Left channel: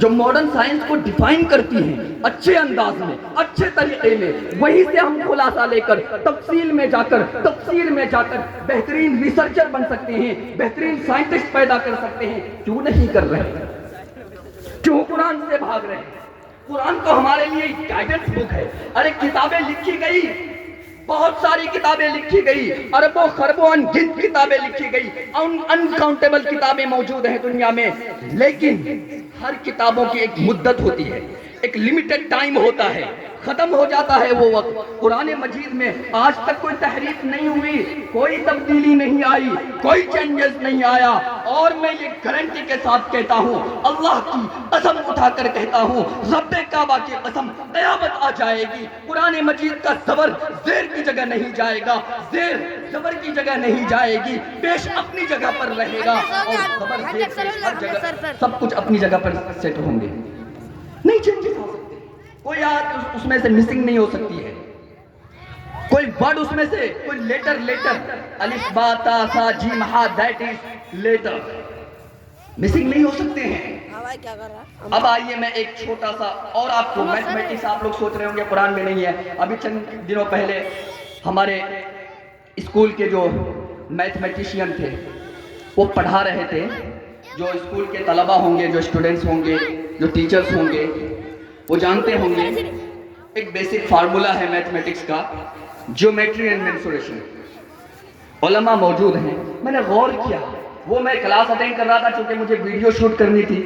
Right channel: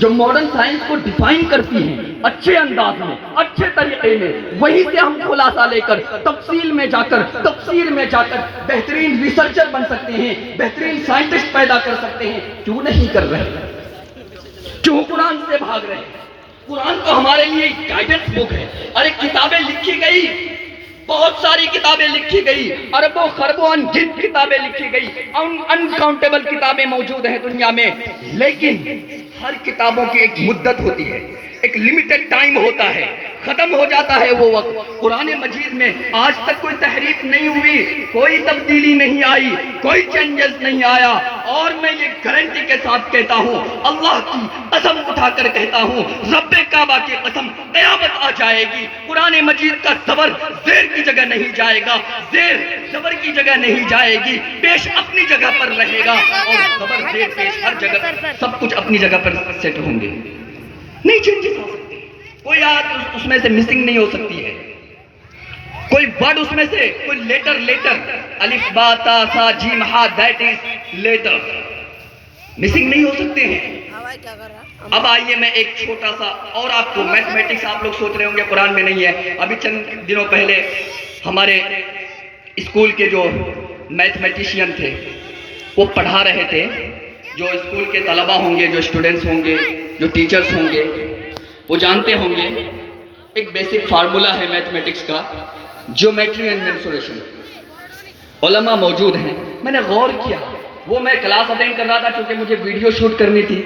جو modern science کو define کرتی ہیں اچھے انداز میں، اچھے طریقے میں، وہیں سے ہم خلاصہ لے کر تفصیل میں جا کر، تفسیر میں جا کر بہترین ریسرچر بن سکتے ہیں، بہترین سائنٹسٹ پیدا کر سکتے ہیں۔ کیوں نہیں کر رہے؟ کیوں قرآن سے بھاگ رہے ہیں؟ قرآن تو ہمارے لیے ایک گائیڈنس بک ہے۔ ارے کتابیں لکھی گئی، بہت ساری کتابیں لکھی گئی، اربوں خربوں انگنت کتابیں لکھی گئی، انکاؤنٹیبل کتابیں موجود ہیں دنیا میں، لیکن ہر کتابوں کی ایک مدت ہوتی ہے، ایک لمیٹڈ ٹائم ہوتا ہے، ختم ہو جاتا ہے وہ وقت۔ قرآن مجید میں آج تک کوئی تحریف نہیں ہوئی، کوئی تبدیلی نہیں آئی، کوئی چینجز نہیں آیا، اور میں یہ گارنٹی کے ساتھ کہتا ہوں، اللہ کی قسم اٹھا کر کہتا ہوں، رب کعبہ کی قسم، قیامت آ جائے گی، قرآن مجید کا زبر زیر کی جگہ نہیں جائے گا، زیر زبر کی جگہ نہیں جائے گی، پیش اپنی جگہ پر رہے گا، اور زبر زیر پیش ہر جگہ سب کچھ اپنی جگہ پر سیٹ ہوں گے، نہیں چینجز آ سکتے، کوئی آیت اس میں سے مسنگ نہیں ہو سکتی ہے، کوئی ورڈ اس میں سے، کوئی لیٹر الف با تا سا جیم ہا دیٹ از لیٹر مسنگ نہیں ہو سکتے ہیں۔ اب آئیے میں ایک چھوٹا سا اور آپ کو میتھمیٹکس، آپ لوگ سوچ رہے ہوں گے قرآن میں نہیں ہے، ابھی چند دنوں پہلے ہمارے اسکول کے جو میتھمیٹیشین تھے وہ پڑھا رہے تھے، جو اسکول کے طلبہ ہوں گے، جو اسٹوڈنٹس ہوں گے، جو ٹیچرز ہوں گے، وہ جانتے ہوں گے ایک بیسک فارمولا ہے میتھمیٹکس کا، جیومیٹری اینڈ مینسوریشن۔ علماء موجود ہیں، میں نے غور کیا، وہ میں کلاس اٹینڈ کر رہا تھا چونکہ مجھے ویڈیو شوٹ کرنی تھی،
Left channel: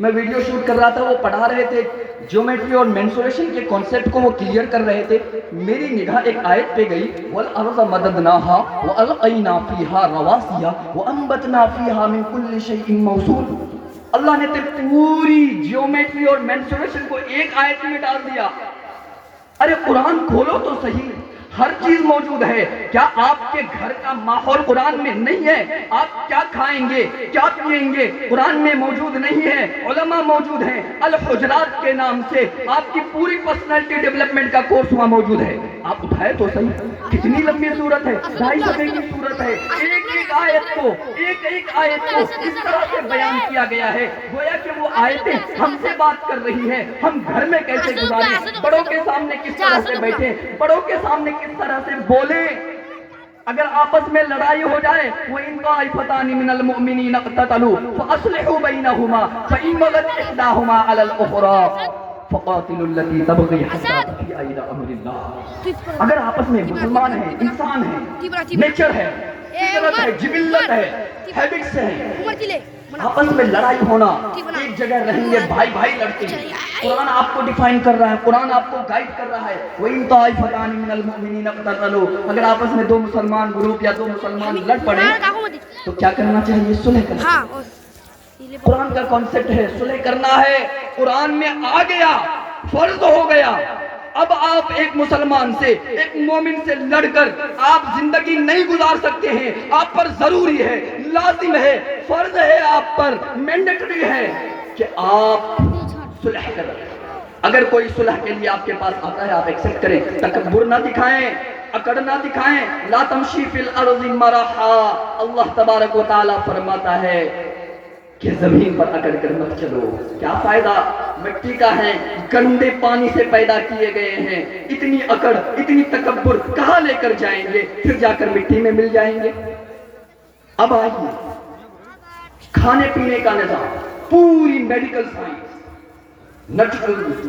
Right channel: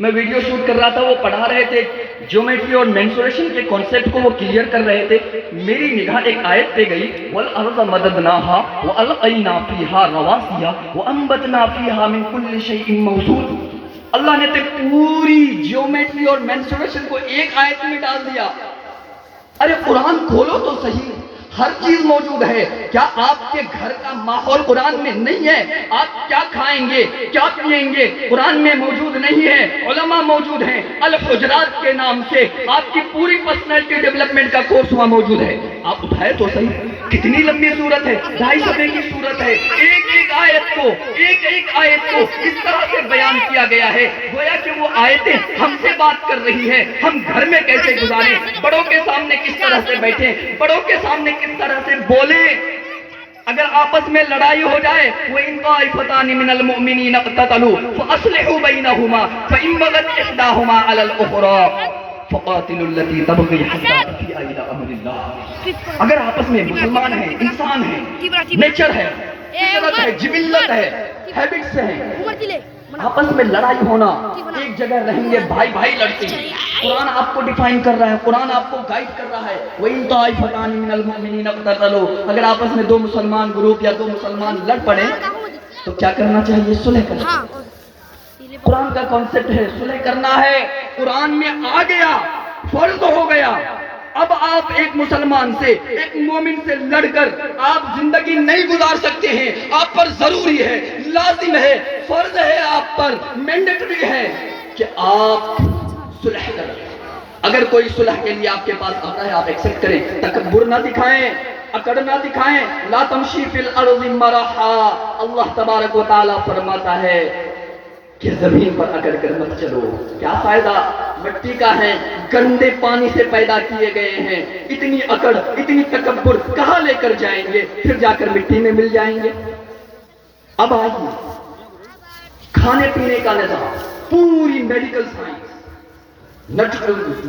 میں ویڈیو شوٹ کر رہا تھا، وہ پڑھا رہے تھے جیومیٹری اور مینسوریشن کے کانسیپٹ کو وہ کلیئر کر رہے تھے، میری نگاہ ایک آیت پہ گئی، وَالْأَرْضَ مَدَدْنَاهَا وَأَلْقَيْنَا فِيهَا رَوَاسِيَ وَأَنبَتْنَا فِيهَا مِن كُلِّ شَيْءٍ مَوْزُونٍ۔ اللہ نے پوری جیومیٹری اور مینسوریشن کو ایک آیت میں ڈال دیا۔ ارے قرآن کھولو تو صحیح، ہر چیز موجود ہے، کیا آپ کے گھر کا ماحول قرآن میں نہیں ہے؟ آپ کیا کھائیں گے، کیا پئیں گے، قرآن میں موجود نہیں ہے؟ علماء موجود ہیں، الحجرات کے نام سے آپ کی پوری پرسنالٹی ڈیولپمنٹ کا کورس وہاں موجود ہے، آپ اٹھائے تو صحیح، کتنی لمبی صورت ہے، 2.5 صفحے کی صورت ہے، ایک ایک آیت کو اس طرح سے بیان کیا گیا ہے، گویا کہ وہ آیتیں ہم سے بات کر رہی ہیں، ہم گھر میں کیسے گزاریں، بڑوں کے سامنے کس طرح سے بیٹھیں، بڑوں کے سامنے کس طرح سے بولیں، اگر آپس میں لڑائی ہو جائے، وَإِن طَائِفَتَانِ مِنَ الْمُؤْمِنِينَ اقْتَتَلُوا فَأَصْلِحُوا بَيْنَهُمَا فَإِن بَغَتْ إِحْدَاهُمَا عَلَى الْأُخْرَى فَقَاتِلُوا الَّتِي تَبْغِي حَتَّىٰ تَفِيءَ إِلَىٰ أَمْرِ اللَّهِ۔ اگر آپس میں مسلمان ہیں، انسان ہیں، نیچر ہے، فطرت ہے، جبلت ہے، ہیبٹس ہیں، آپس میں لڑائی ہونا، ایک جگہ رہیں گے، بھائی بھائی لڑتے ہیں، قرآن آپ کو ڈیفائن کر رہا ہے، قرآن آپ کو گائیڈ کر رہا ہے، وَإِن طَائِفَتَانِ مِنَ الْمُؤْمِنِينَ اقْتَتَلُوا، اگر آپس میں دو مسلمان گروپ یا دو مسلمان لڑ پڑے تو کیا کرنا چاہیے؟ صلح کرنا۔ قرآن کا کانسیپٹ ہے صلح کرنا ہے، قرآن میں آ گیا، فرض ہو گیا۔ اب آپ ایک مسلمان سے، ایک مومن سے لڑ کر آپ زندگی نہیں گزار سکتے ہیں، آپ پر ضروری ہے، لازم ہے، فرض ہے، آپ پر مینڈیٹری ہے کہ آپ صلح کریں۔ اگر کوئی صلح کے لیے آپ کے پاس آتا ہے، آپ ایکسپٹ کریں، تکبر نہ دکھائیں، اکڑ نہ دکھائیں، لا تمشی فی الارض مرحا، اللہ تبارک و تعالیٰ فرماتا ہے کہ زمین پر اکڑ کر مت چلو، کیا فائدہ، مٹی کا ہے، گندے پانی سے پیدا کیے گئے ہیں، اتنی اکڑ، اتنی تکبر کہاں لے کر جائیں گے، پھر جا کر مٹی میں مل جائیں گے۔ اب آئیے کھانے پینے کا نظام، پوری میڈیکل سائنس،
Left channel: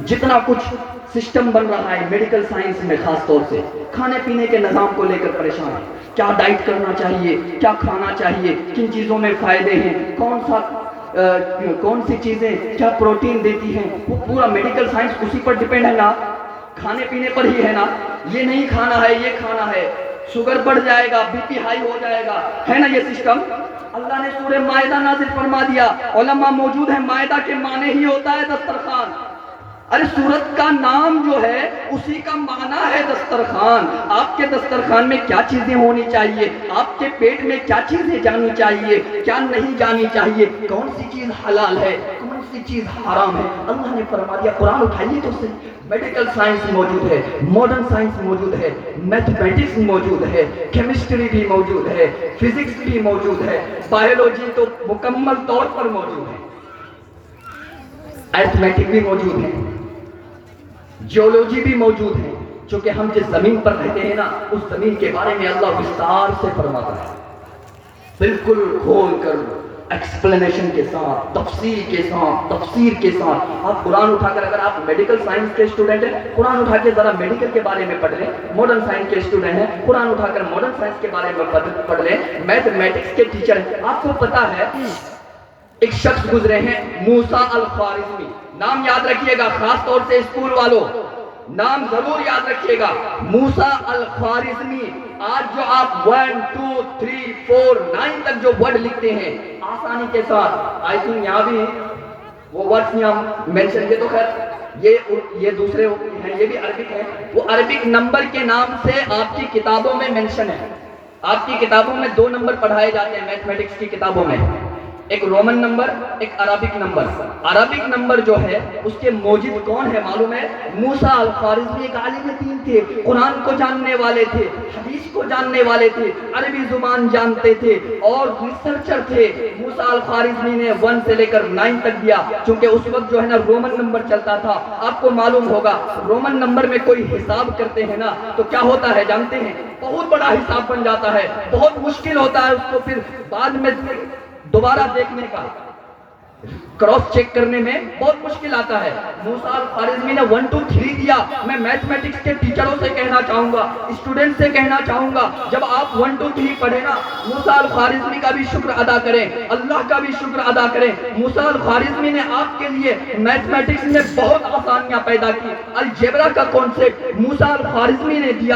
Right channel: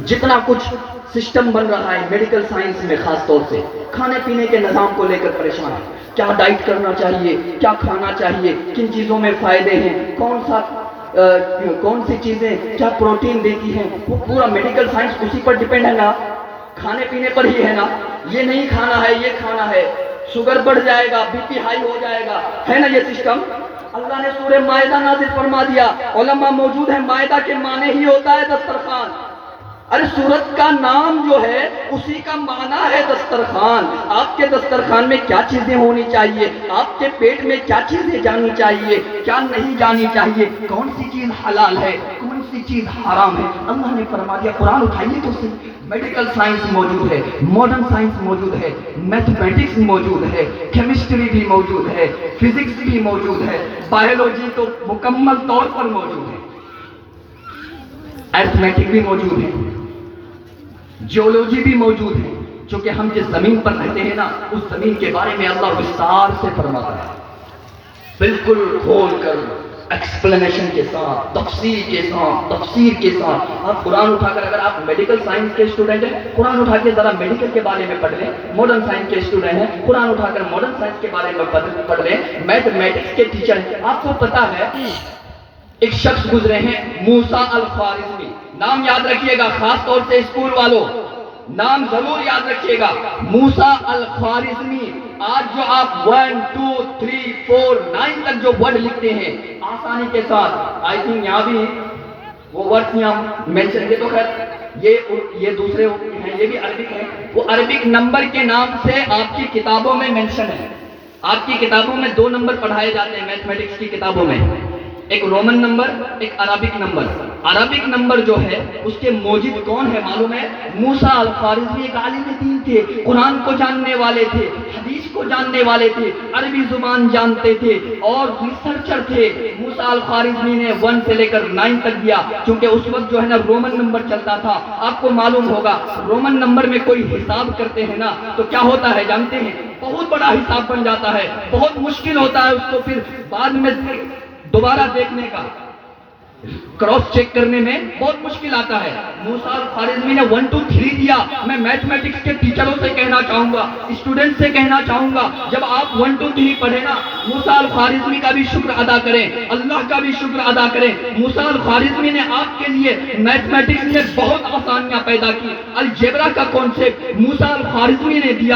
جتنا کچھ سسٹم بن رہا ہے میڈیکل سائنس میں، خاص طور سے کھانے پینے کے نظام کو لے کر پریشان ہے، کیا ڈائٹ کرنا چاہیے، کیا کھانا چاہیے، کن چیزوں میں فائدے ہیں، کون سی چیزیں کیا پروٹین دیتی ہیں، وہ پورا میڈیکل سائنس اسی پر ڈیپینڈ ہے نا، کھانے پینے پر ہی ہے نا، یہ نہیں کھانا ہے، یہ کھانا ہے، شوگر بڑھ جائے گا، بی پی ہائی ہو جائے گا، ہے نا یہ سسٹم۔ اللہ نے سورہ مائدہ نازل فرما دیا، علماء موجود ہیں، مائدہ کے معنی ہی ہوتا ہے دسترخوان۔ ارے سورت کا نام جو ہے اسی کا معنی ہے دسترخوان۔ آپ کے دسترخوان میں کیا چیزیں ہونی چاہیے، آپ کے پیٹ میں کیا چیزیں جانی چاہیے، کیا نہیں جانی چاہیے، کون سی چیز حلال ہے، کون سی چیز حرام ہے، اللہ نے فرما دیا۔ قرآن اٹھائیے تو صحیح، میڈیکل سائنس موجود ہے، ماڈرن سائنس موجود ہے، میتھمیٹکس موجود ہے، کیمسٹری بھی موجود ہے، فزکس بھی موجود ہے، بایولوجی تو مکمل طور پر موجود ہے۔ ایرتھمیٹک بھی موجود ہے، جیولوجی بھی موجود ہے، چونکہ ہم جس زمین پر رہتے ہیں نا اس زمین کے بارے میں اللہ وستار سے فرماتا ہے، بالکل کھول کر، ایکسپلینیشن کے ساتھ، تفصیل کے ساتھ، تفسیر کے ساتھ۔ آپ قرآن اٹھا کر، اگر آپ میڈیکل سائنس کے اسٹوڈنٹ ہیں، قرآن اٹھا کے ذرا میڈیکل کے بارے میں پڑھ لیں، ماڈرن سائنس کے اسٹوڈنٹ ہیں، قرآن اٹھا کر ماڈرن سائنس کے بارے میں پڑھ لیں، میتھمیٹکس کے ٹیچر ہیں۔ آپ کو پتا ہے ایک شخص گزرے ہیں موسیٰ الخوارزمی، نام یاد رکھیے گا، خاص طور سے اسکول والوں نام ضرور یاد رکھیے گا، موسیٰ الخوارزمی۔ آج جو آپ 1 2 3 4 9 تک جو ورڈ لکھتے ہیں آسانی کے ساتھ، آئی تھنک یہاں بھی وہ ورڈ یہاں مینشن، یہ تو خیر یہ دوسرے ہیں، یہ بھی عربک ہے، وہ عربک نمبر کے نام سے آپ کی کتابوں میں مینشن ہے۔ آپ کی کتابوں میں 2 نمبر پڑھائے جاتے ہیں میتھمیٹکس کی کتابوں میں، ایک رومن نمبر، ایک عربک نمبر۔ عربک نمبر جو ہے اس کے موجد کون ہے معلوم ہے؟ موسیٰ الخوارزمی ایک عالم دین تھے، قرآن کو جاننے والے تھے، حدیث کو جاننے والے تھے، عربی زبان جانتے تھے اور ریسرچر تھے۔ موسیٰ الخوارزمی نے 1 سے لے کر 9 تک دیا، چونکہ اس وقت جو ہے نا رومن نمبر چلتا تھا۔ آپ کو معلوم ہوگا رومن نمبر میں کوئی حساب کرتے ہیں نا تو کیا ہوتا ہے جانتے ہیں؟ بہت بڑا حساب بن جاتا ہے، بہت مشکل ہوتا ہے اس کو پھر بعد میں دوبارہ دیکھنے کا، کراس چیک کرنے میں بہت مشکل آتا ہے۔ موسیٰ الخوارزمی نے 1 2 3 دیا۔ میں میتھمیٹکس کے ٹیچروں سے کہنا چاہوں گا، اسٹوڈنٹ سے کہنا چاہوں گا، جب آپ 1 2 3 پڑھیں نا، موسیٰ الخوارزمی کا بھی شکر ادا کریں، اللہ کا بھی شکر ادا کریں۔ موسیٰ الخوارزمی نے آپ کے لیے میتھمیٹکس میں بہت آسانیاں پیدا کی۔ الجبرا کا کانسیپٹ موسیٰ الخوارزمی نے دیا۔